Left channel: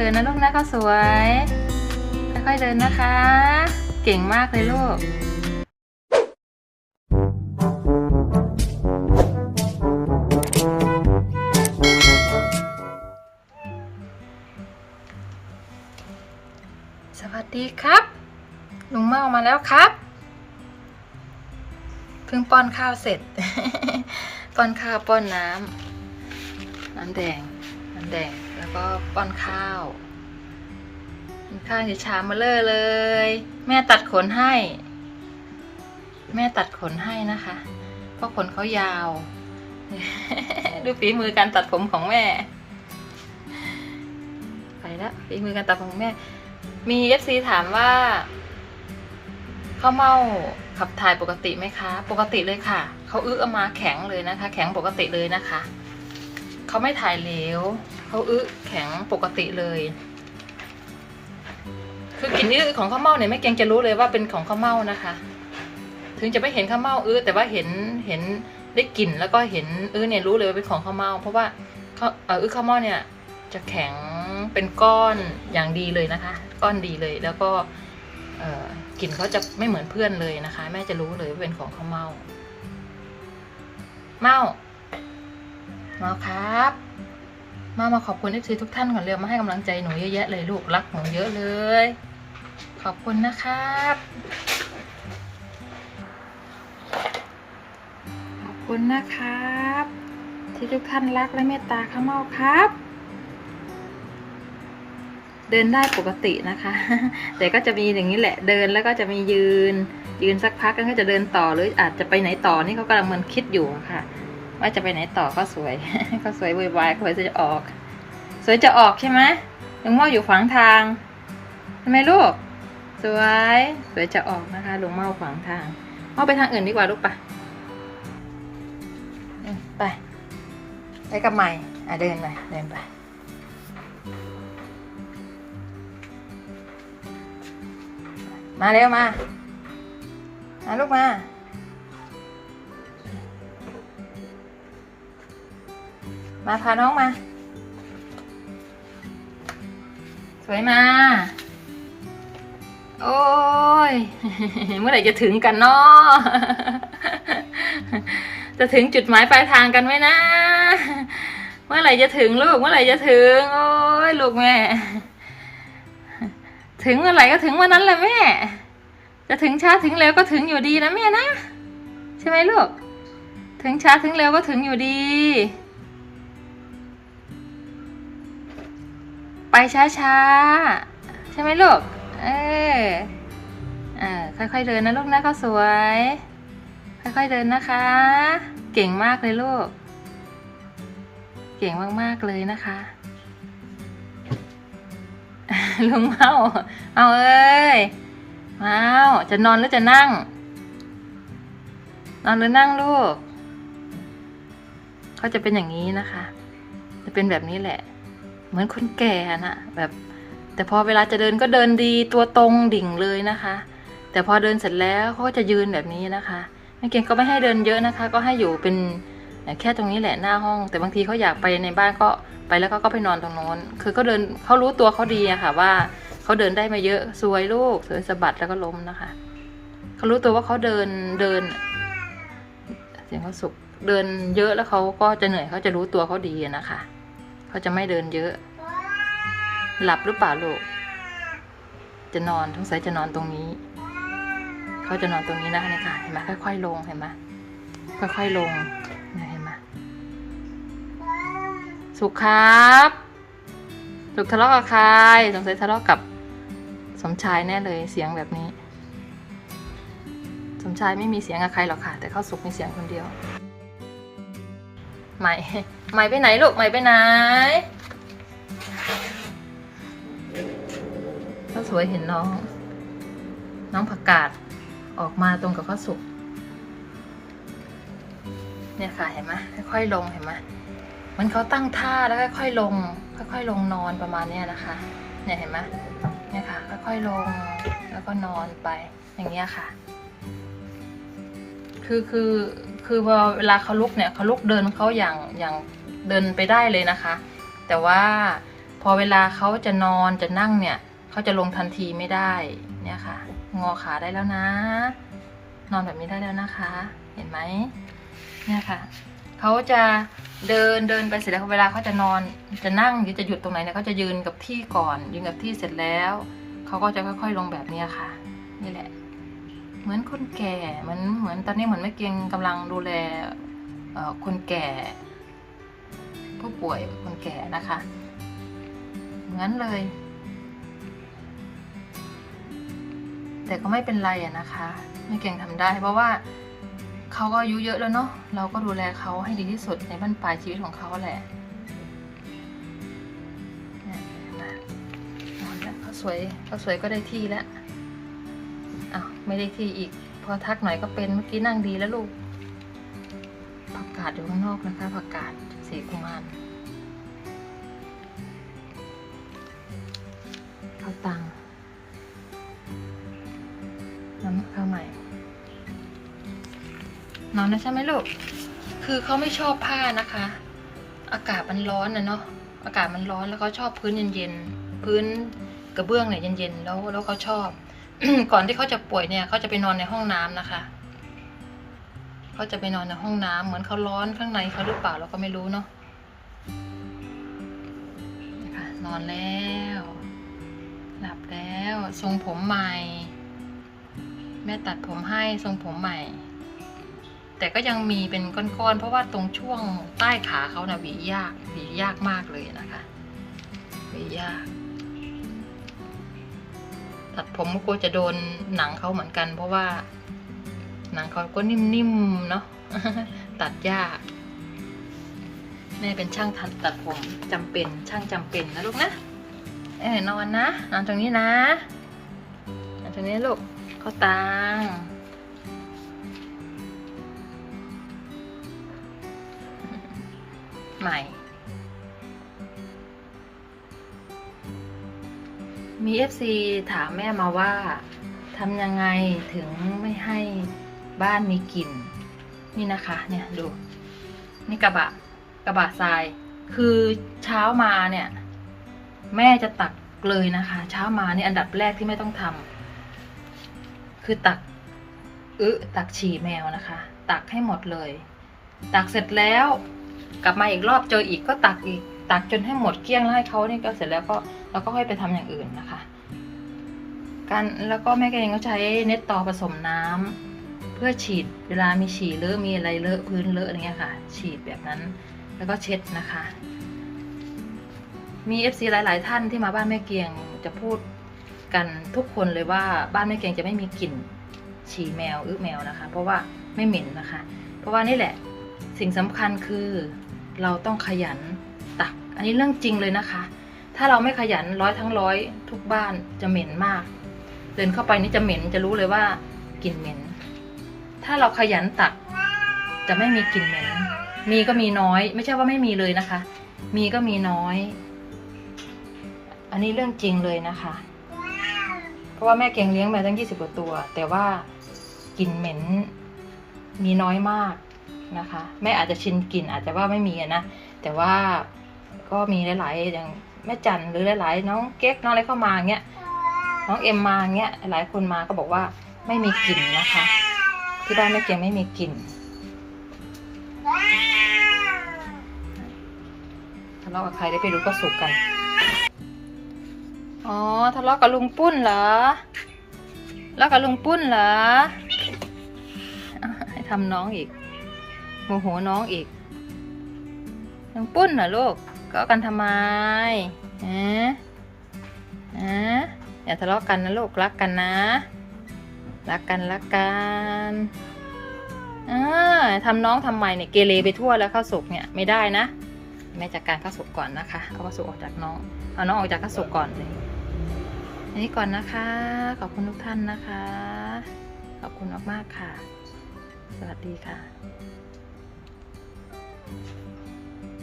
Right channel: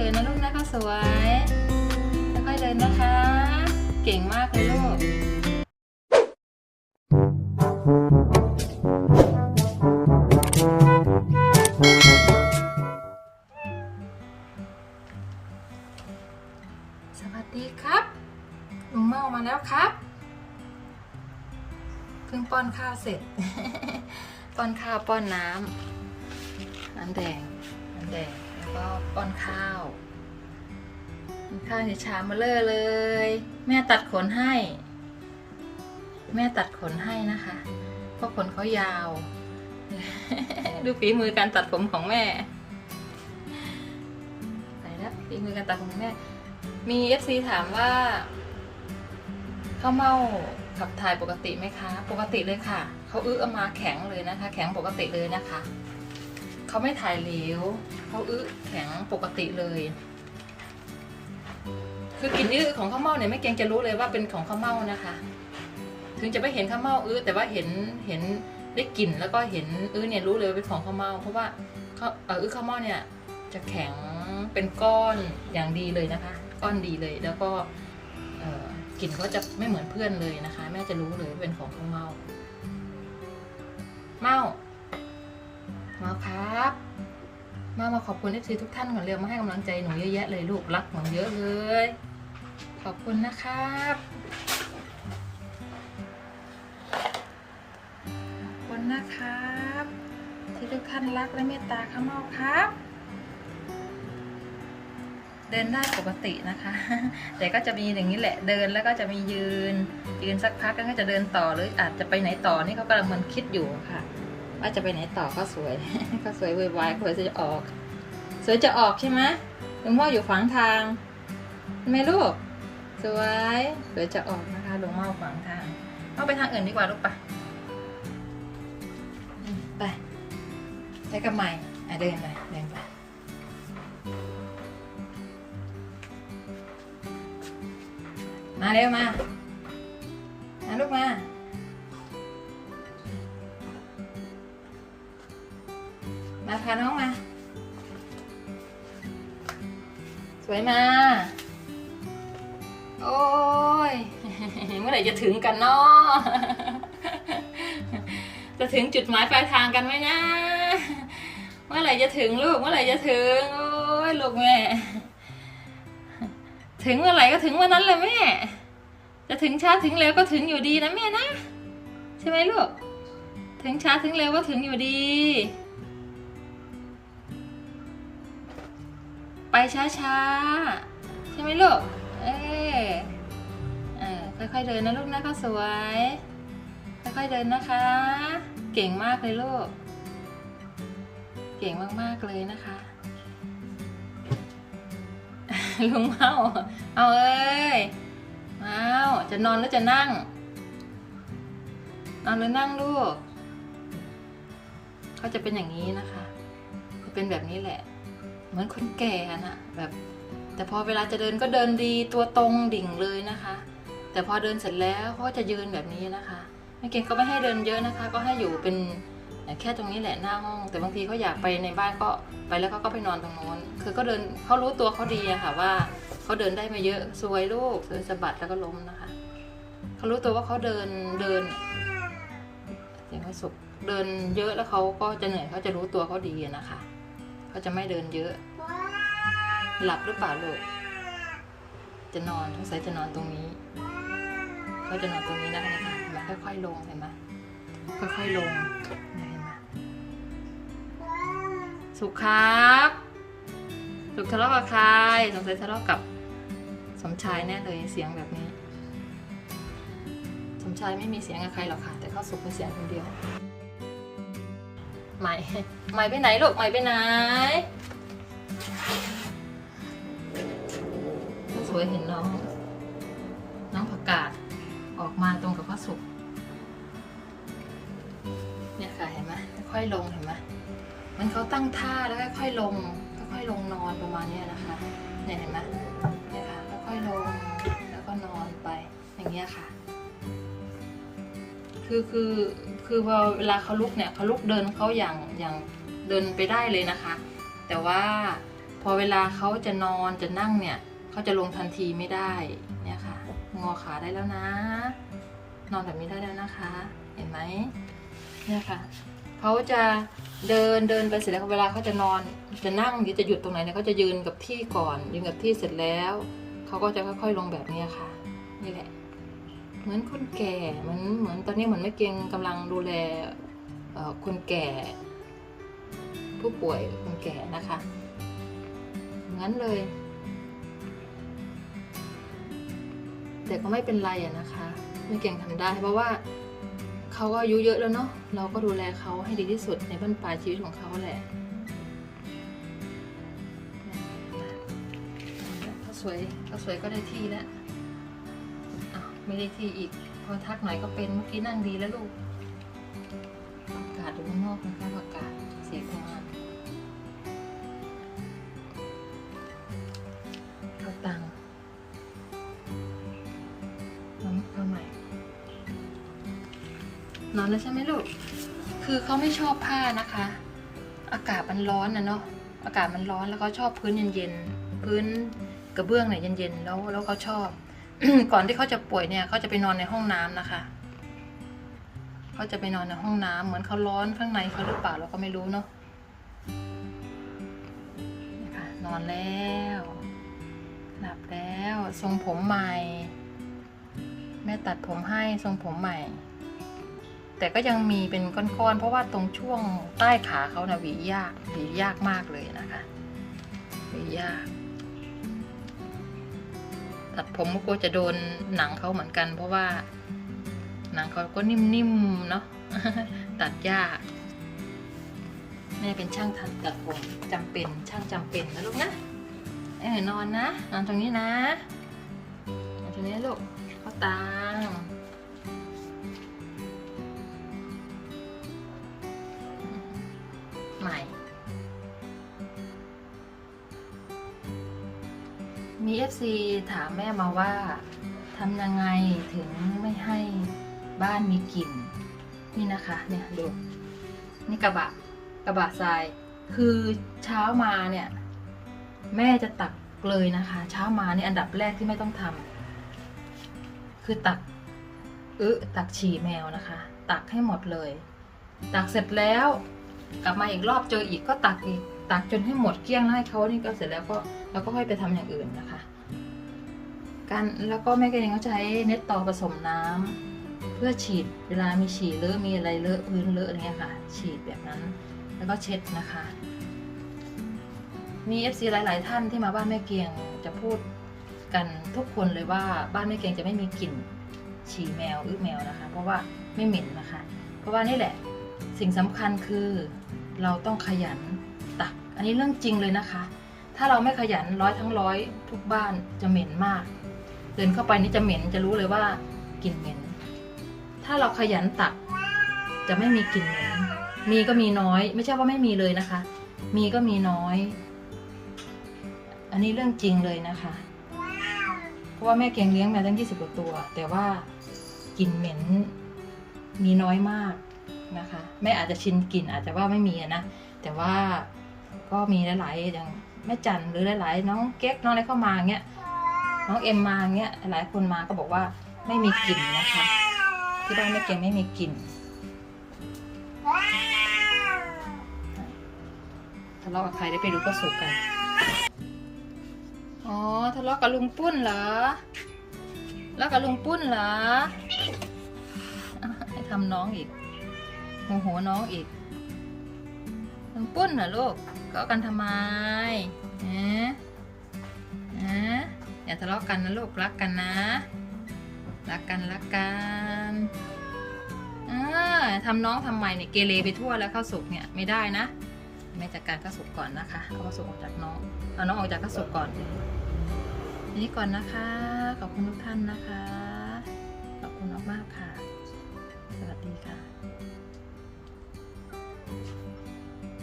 อยๆเดินนะลูกนะข้าวสวยค่อยๆเดินนะคะเก่งมากเลยลูกสวัสดีครับลุงเมามาแล้วครับเพิ่งป้อนข้าวเสร็จ ป้อนข้าวป้อนน้ำแดงแล้วก็ป้อนข้าวข้าวในชามมาเลยแม่ตัดขนให้นะคะเพราะขนเขายาว ดูฝีมือการตัดผมของแม่ไปแล้วฝีมือการตัดผมของแม่มี FC ถามว่าข้าวเม่าขับถ่ายปกติไหมคะปกติเลยค่ะเขาอึออกมาแข็งเลยนะคะแข็งปกติเลยนะคะเขาไม่ถ่ายเหลวเขาอึแข็งปกติเลยคือกลิ่นอึของข้าวเม่าเนี่ยแม่เกียงจะรู้เลยว่าเป็นของข้าวเม่านะคะถึงจะไม่เห็นข้าวเม่าแต่ว่าเห็นได้กลิ่นแล้วก็เห็นเนี่ยรู้เลยว่าเป็นของข้าวเม่าเพราะว่าข้าวเม่าเนี่ยจะแข็งเป็นก้อนอย่างดีเลยนะคะก้อนดีเลยแล้วก็กลิ่นเขาจะไม่เหมือนเพื่อนเลยนะคะแม่จะรู้เลยว่าเป็นของข้าวเม่าครับมาขอบคุณ FC ทุกท่านก่อนเร็วมาให้กำลังใจหนูเยอะแยะเลยลูกรักหนูเยอะเลยขอบคุณนะครับขอบคุณนะครับที่ทุกท่านรักและเมตตาข้าวเม่าครับเดินได้ปกตินะคะแต่ก็จะมีอย่างนี้แหละเดินแล้วก็จะมียืนสักพักแล้วก็จะเดินต่อหรืออาจจะไปไหนต่อนี่เขากำลังมันคิดอยู่ค่ะว่าจะไปไหนต่อก็สวย ก็สวยวุ่นวายสวยจะออกใช่ไหมลุงเม่าอยู่ขวางทางทำไมลูกสวยจะออกนะคะลุงเม่าขวางทางเอาไปทางอื่นดีกว่าลูกไปกับใหม่เดินไปมาเร็วมาลูกมาพาน้องมาสวยมาโอ้ย เมื่อไหร่จะถึงกันเนาะ จะถึงจุดหมายปลายทางกันไหมนะเมื่อไหร่จะถึงลูกเมื่อไหร่จะถึงโอ้ยลูกแม่ถึงเมื่อไหร่ก็ถึงวันนั้นแหละแม่จะถึงช้าถึงเร็วก็ถึงอยู่ดีนะแม่นะใช่ไหมลูกถึงช้าถึงเร็วก็ถึงอยู่ดีไปช้าใช่ไหมลูกค่อยๆเดินนะลูกนะข้าวสวยค่อยๆเดินนะคะเก่งมากเลยลูกเก่งมากๆเลยนะคะลุงเมาจะนอนหรือจะนั่งนอนหรือนั่งลูกเขาจะเป็นอย่างนี้นะคะจะเป็นแบบนี้แหละเหมือนคนแก่นะแบบแต่พอเวลาจะเดินก็เดินดีตัวตรงดิ่งเลยนะคะแต่พอเดินเสร็จแล้วเขาจะยืนแบบนี้นะคะแม่เก่งก็ไม่ให้เดินเยอะนะคะก็ให้อยู่เป็นแค่ตรงนี้แหละหน้าห้องแต่บางทีเขาอยากไปในบ้านก็ไปแล้วก็ไปนอนตรงโน้นคือก็เดินเขารู้ตัวเขาดีอะค่ะว่าเขาเดินได้มาเยอะสวยลูกสวยสะบัดแล้วก็ล้มนะคะเขารู้ตัวว่าเขาเดินเสียงเขาสุกเดินเยอะแล้วเขาก็จะเหนื่อยเขาจะรู้ตัวเขาดีนะคะเขาจะไม่เดินเยอะหลับหรือเปล่าลูกจะนอนทั้งสายจะนอนตรงนี้เขาจะนอนตรงนี้นะคะนี่ค่ะเห็นไหมค่อยๆลงเห็นไหมค่อยๆลงเนี่ยเห็นไหมสุขครับสุขทะเลาะกับใครสงสัยทะเลาะกับสมชายแน่เลยเสียงแบบนี้สมชายไม่มีเสียงกับใครหรอกค่ะแต่เขาสุขมีเสียงคนเดียวใหม่ไปไหนลูกใหม่ไปไหนเขาสวยเห็นน้องผักกาดออกมาตรงกับข้าวสุกเนี่ยค่ะเห็นไหมค่อยๆลงเห็นไหมมันเขาตั้งท่าแล้วค่อยๆลงนอนประมาณนี้นะคะเนี่ยเห็นไหมเนี่ยค่ะค่อยๆลงแล้วก็นอนไปอย่างเงี้ยค่ะคือพอเวลาเขาลุกเนี่ยเขาลุกเดินเขาอย่างเดินไปได้เลยนะคะแต่ว่า พอเวลาเขาจะนอนจะนั่งเนี่ยเขาจะลงทันทีไม่ได้เนี่ยค่ะงอขาได้แล้วนะนอนแบบนี้ได้แล้วนะคะเห็นไหมเนี่ยค่ะเขาจะเดินไปเสร็จแล้วเวลาเขาจะนอนจะนั่งหรือจะหยุดตรงไหนเนี่ยเขาจะยืนกับที่ก่อนยืนกับที่เสร็จแล้วเขาก็จะค่อยๆลงแบบนี้ค่ะนี่แหละเหมือนคนแก่เหมือนตอนนี้เหมือนแม่เกียงกำลังดูแลคนแก่ผู้ป่วยคนแก่นะคะงั้นเลยแต่ก็ไม่เป็นไรอะนะคะแม่เกียงทำได้เพราะว่าเขาก็อายุเยอะแล้วเนาะเราก็ดูแลเขาให้ดีที่สุดในบั้นปลายชีวิตของเขาแหละเขาสวยก็ได้ที่แล้วอ้าวไม่ได้ที่อีกพอทักหน่อยก็เป็นเมื่อกี้นั่งดีแล้วลูกผักกาดอยู่ข้างนอกนะคะผักกาดสีกุมารข้าวตังน้ำข้าวใหม่นอนนะใช่ไหมลูกคือเขาไม่ชอบผ้านะคะอากาศมันร้อนนะเนาะอากาศมันร้อนแล้วเขาชอบพื้นเย็นๆพื้นกระเบื้องเนี่ยเย็นๆแล้วเขาชอบ ก่อนที่เขาจะป่วยเนี่ยเขาจะไปนอนในห้องน้ำนะคะเขาจะไปนอนในห้องน้ำเหมือนเขาร้อนข้างในเขาหรือเปล่าเราก็ไม่รู้เนาะนอนแล้วหลับแล้วทรงผมใหม่แม่ตัดผมให้ทรงผมใหม่แต่ก็ยังมีเป็นก้อนๆเพราะว่าตรงช่วงใต้ขาเขานะหวียากมากเลยนะคะหวียากตัดผมก็กลัวจะโดนหนังเขาเหมือนกันเพราะว่าหนังเขาก็นิ่มๆเนาะ ตัดยากแม่เป็นช่างตัดผมจำเป็นช่างจำเป็นนะลูกนะนอนนะนอนตรงนี้นะนอนตรงนี้ลูกเขาตังใหม่มี FC ถามแม่มาว่าทำยังไงถึงไม่ให้บ้านมีกลิ่นนี่นะคะเนี่ยดูนี่กระบะทรายคือเช้ามาเนี่ยแม่จะตักเลยนะคะเช้ามานี่อันดับแรกที่ไม่ต้องทำคือตักฉี่แมวนะคะตักให้หมดเลยตักเสร็จแล้วกลับมาอีกรอบเจออีกก็ตักอีกตักจนให้หมดเกลี้ยงแล้วให้เขานี่ก็เสร็จแล้วก็เราก็ค่อยไปทำอย่างอื่นนะคะแล้วก็แม่ก็เองก็ใช้เน็ตตอผสมน้ำเพื่อฉีดเวลามีฉี่เลอะมีอะไรเลอะพื้นเลอะอะไรเงี้ยค่ะฉีดแบบนั้นแล้วก็เช็ดนะคะมี FC หลายๆท่านที่มาบ้านแม่เกียงจะพูดกันทุกคนเลยว่าบ้านแม่เกียงจะไม่มีกลิ่นฉี่แมวแมวนะคะเพราะว่าไม่เหม็นนะคะเพราะว่านี่แหละสิ่งสำคัญคือเราต้องขยันตักอันนี้เรื่องจริงเลยนะคะถ้าเราไม่ขยันทั้งร้อยทุกบ้านจะเหม็นมากเดินเข้าไปนี่จะเหม็นจะรู้เลยว่ากลิ่นเหม็นถ้าเราขยันตักจะไม่มีกลิ่นเหม็นมีก็มีน้อยไม่ใช่ว่าไม่มีเลยนะคะมีก็มีน้อยอันนี้เรื่องจริงเลยนะคะเพราะว่าแม่เกียงเลี้ยงมาตั้ง20 กว่าตัวแต่ว่ากลิ่นเหม็นมีน้อยมากนะคะแม่อาจจะชินกลิ่นอาจจะว่าไม่มีนะแต่ว่าก็มีหลายๆอย่างแม่จันหรือหลายๆน้องเก๊กน้องอะไรเข้ามาเงี้ยน้องเอ็มมาเงี้ยหลายคนมาก็บอกว่าไม่มีกลิ่นนะคะที่บ้านแม่เกียงไม่มีกลิ่นทะเลาะกับใครได้ไปรู้ก็สุกกันอ๋อทะเลาะกับลุงปุ้นเหรอทะเลาะกับลุงปุ้นเหรอให้ทำน้องอีกโมโหน้องอีกลุงปุ้นเหรอลูกก็กันทำไมอย่าทะเลาะกันนะลูกรักกันนะรักกันทำน้องทำไมเนี่ยเกเรไปทั่วแล้วข้าวสุกเนี่ยไม่ได้นะแม่จัดการข้าวสุกก่อนนะคะเอาข้าวสุกออกจากน้องเอาน้องออกจากข้าวสุกก่อนเลยอันนี้ก่อนนะคะขอบคุณทุกท่านนะคะขอบคุณมากๆค่ะสวัสดีค่ะ